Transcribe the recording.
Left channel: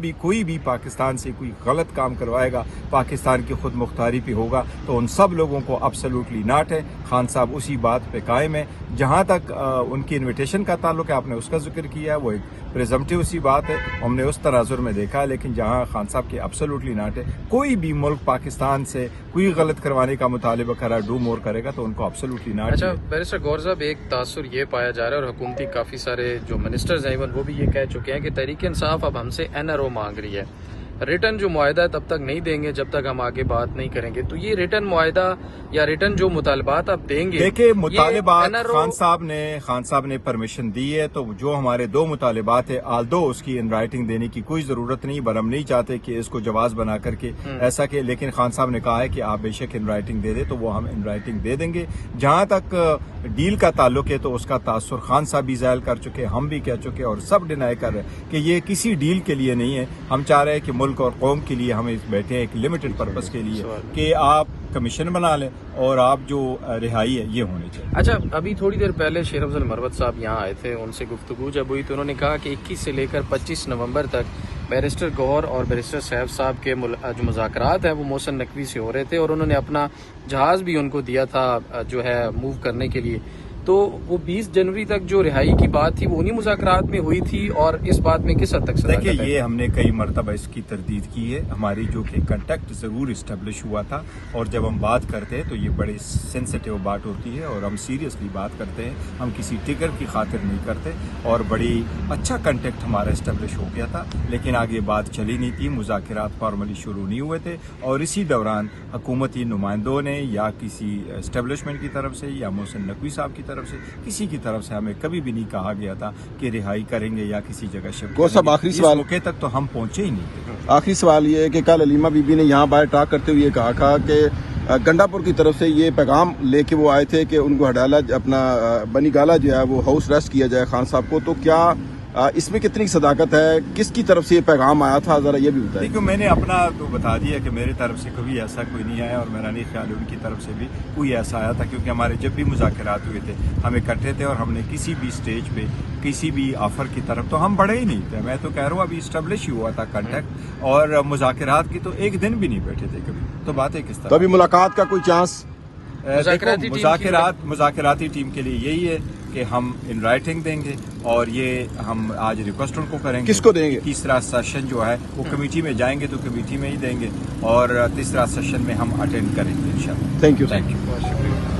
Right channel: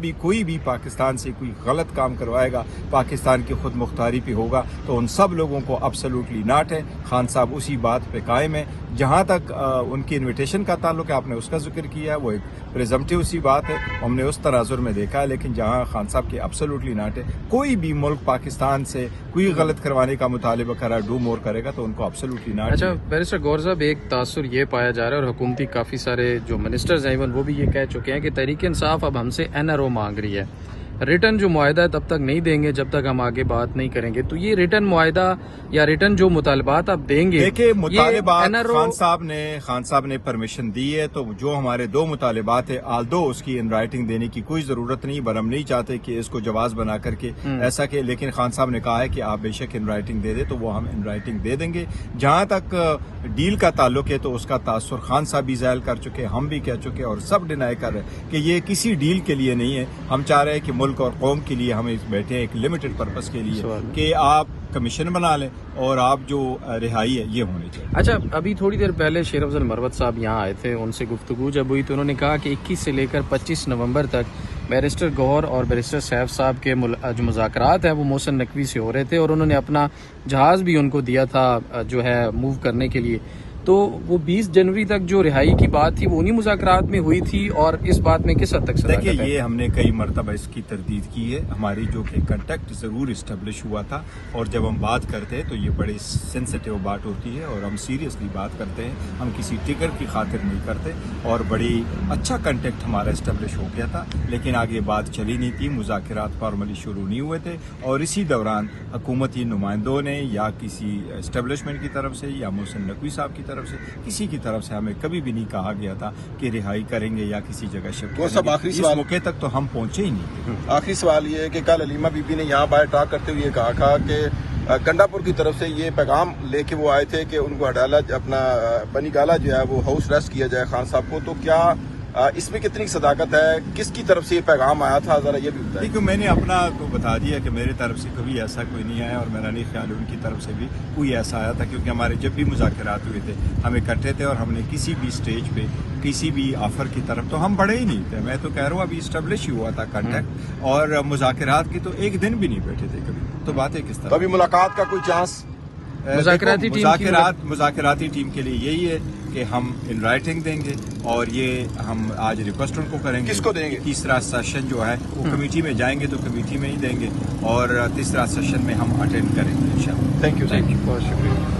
भी कोई भी पाकिस्तान से कोई गलत काम करवाएगा, पाकिस्तान की खुद मुख्तारी पे होगा, तो उन सब लोगों को अब्सोल्युटली नॉट है। खान साहब उसी बात पे कायम है। जहां तक उनकी इनविटेशन का ताल्लुक है, आपने उसका जिक्र किया, वो एक प्रिजम्पटिव सी बात है, हमने उस तनाजुर में देखा है। लेकिन जहां खान साहब के अब्सोल्युटली नॉट है, कोई भी मुल्क पाकिस्तान से कोई गलत करवाने का मुतालिबा करा, डू मोर करेगा, तो उनको अब्सोल्युटली नॉट है। मेरे से गौर साहब, एक तासुर ये पाया जा रहा है और हुकूमती काफ़ी सारे जो मिनिस्टर्स हैं इवन वो भी ये कह चुके हैं कि तहरीक इंसाफ अब हमसे NRO मांग रही है। रिटर्न जो मुआहदा है तब तक नहीं देंगे जब तक हम आगे बात नहीं करेंगे। तो ये रिटर्न मुआहदा या रिटर्न जो मुतालबात आप देंगे, देखिए मुतालबात खान साहब ने परमिशन दी है, तो जो हमारे दो मुतालबात है, आल्दो उसकी इन राइटिंग देने की कोई जरूरत नहीं, पर हम नहीं चाहते कि इसको जवाब बना करके ऐसा कि, लेकिन खान साहब ने कहा है कि आप बेशक इन राइटिंग दे दे, तो वो हम इन राइटिंग दे देंगे। जहां तक डील का ताल्लुक है, तो उसका तासुर खान साहब भी जाहिर कर चुके, हम भी कह चुके और सब डिनाई कर रहे हैं कि ये किसी डील के लिए नहीं है। हम चाह रहे हैं कि मुल्क और कौम के लिए हम बैठे हैं एक लिमिटेड पर्पस के लिए कि आप कमीशन बना लें और आप जो रिहाई है ये होनी चाहिए। अच्छा, अभी थोड़ी देर पहले शेर अफजल मरवत साहब यहाँ आए थे, उनसे गुफ्तगू जब हुई तो उन्होंने कहा कि 21 से लेकर 25 नवंबर तक बैरिस्टर गौहर और बैरिस्टर सैफ साहब के जो मुज़ाकरात हैं वो मोहसिन नकवी से हो रहे थे और उन्होंने अपना जहाज़ भी उनको दिया था जो है मूव करने के लिए। तो वो 20 जनवरी तक जो रिहाई की बात थी वो उन्हीं मुज़ाकरात में हुई थी और इस बात में किस हद तक देखिए, ये हमने कई मरतबा इसकी तरदीद की है। हमारी जो कि कंटेक्ट ज़रूर इस्टेब्लिश हुआ था, और जब हम बात करते हैं तो ये बड़ी सेंसिटिव बात होती है और हम सीरियसली बात करते हैं, हम किसी टिकर की खातिर नहीं करते, और बड़ी अच्छा कंटेक्ट हमारा इस्टेब्लिश हो गया था। लेकिन आगे बात चली नहीं थी, मुज़ाकरात फॉर्मली शुरू नहीं हुए थे, और इसी दौरान हुकूमती नुमाइंदों ने या किसी इस्टेब्लिशमेंट की तरफ से या मोहसिन नकवी साहब की तरफ से, किसी की तरफ से हमें कभी भी नहीं कहा गया था कि रिहाई करेंगे या किसी जगह शिफ्ट करेंगे। आखिरी इस मौके तक तो हम पहुंचे ही नहीं। आखिरी सवाल ये है कि कल अलीमा बीबी ने यहाँ बाहर टाक करते हुए कहा था कि गंडापुर की तरफ से ये पैगाम लेके वो आए थे कि उनको अदालत अपना बनी गाला जो है वो हाउस अरेस्ट किया जाए खान साहब को। तो क्या इसमें कितनी सदाकत है, किसकी तरफ से ये पैगाम आया था, जरा ये भी बताइए। देखो, मैंने अपना तो बता दिया कि मेरे तरफ से कभी ऐसा कोई नहीं आया, और मेरा नहीं ख्याल उनकी तरफ से भी कोई ऐसा आया था, क्योंकि हमारे जब भी मुज़ाकरात हुए थे हम इकट्ठे थे और हमने किसी भी स्टेज पे किसी भी ऑफर की तरफ तो हम बढ़े ही नहीं थे। मैं तो कह रहा हूँ अभी इस्टेब्लिश ही हुआ था कांटेक्ट, और मुज़ाकरात की तो एक दिन भी नहीं बैठे थे कभी। तो बात है किस तरह, कभी मुलाकात का कोई चांस? देखो, मुज़ाकराती टीम के लिए यही है कि हम इन राइटिंग देंगे, और ये हम आज रिक्वेस्ट उनको करेंगे। किसको देंगे? तीसरा सेशन जो है वो कमेटी में जाएंगे तो कमेटी में ही देंगे, और तीसरा सेशन में हम अटेंड करेंगे इंशाल्लाह। Thank you.